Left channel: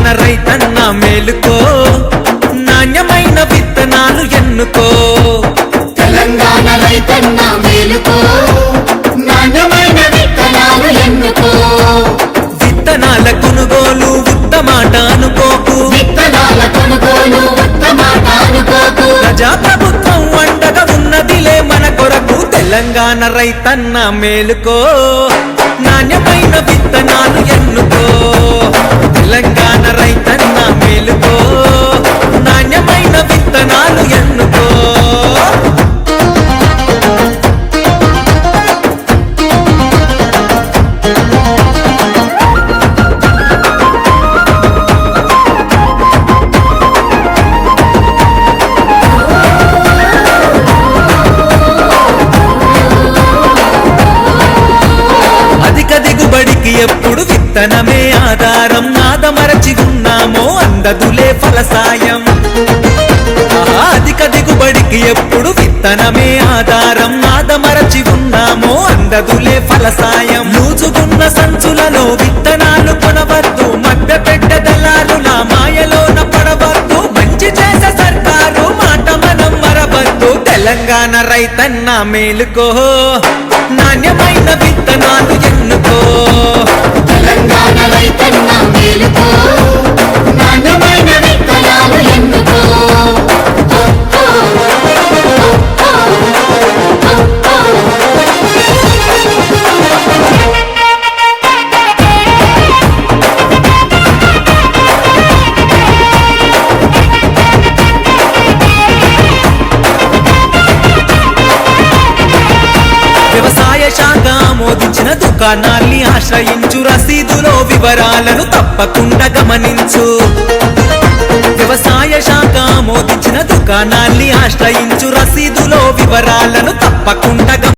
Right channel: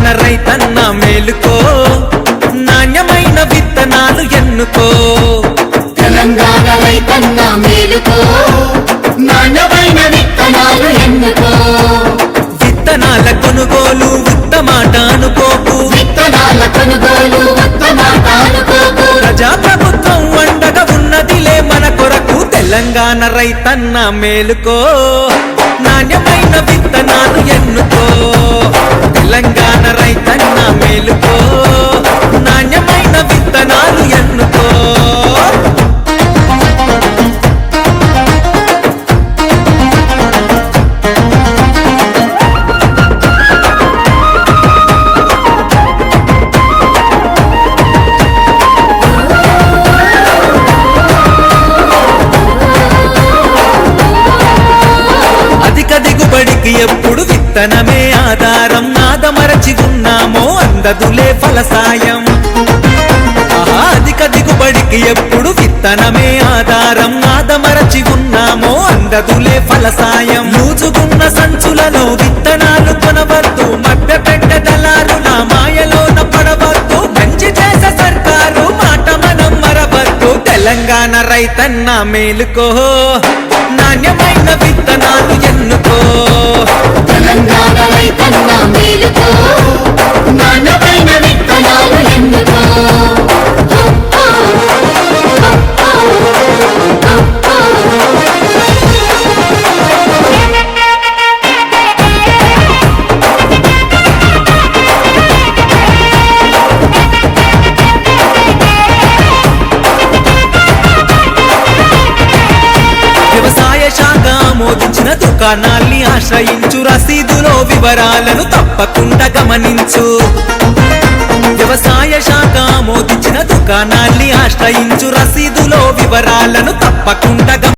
మేలుకో నాణ్యమైన విత్తనాలు ఎన్నుకో. తెలంగాణ రైతన్న మేలుకో నాణ్యమైన విత్తనాలు ఎన్నుకో. విత్తనాల కొనుగోలు ఉత్తమాట అనుకోకు. విత్తనాల కొనుగోలు ఉత్తమాట అనుకోకు. ప్రజాప్రభుత్వం అండగా ఉన్నదిలే మన కొరకు తెలంగాణ రైతన్న మేలుకో నాణ్యమైన విత్తనాలు ఎన్నుకో. తెలంగాణ రైతన్న మేలుకో నాణ్యమైన విత్తనాలు ఎన్నుకో. అధిక దిగుబడికి ఎప్పుడు విత్తనమే ఆధారం. నాదమరచి ఉన్నామో అందదులే ఫలసాయం. ఆహా అధిక దిగుబడికి ఎప్పుడు విత్తనమే ఆధారం. నాదమరచి ఉన్నామో అందదులే ఫలసాయం. లూజుగున్న సంచులలో విత్తనాలు కొనవద్దు. మధ్య పెట్ట దళారుల మాయలోన పడవద్దు. మంచి చేసే సర్కారు మాట మనం మరవద్దు. తెలంగాణ రైతన్న మేలుకో. నాణ్యమైన విత్తనాలు ఎన్నుకో. వ్యవసాయ శాఖ ఆమోదించిన దుకాణాల్ని ఆశ్రయించు రసీదులో వివరాలను తప్పకుండా గమనించు. వ్యవసాయ శాఖ ఆమోదించిన దుకాణాల్ని ఆశ్రయించు రసీదులో వివరాలను తప్పకుండా గమ-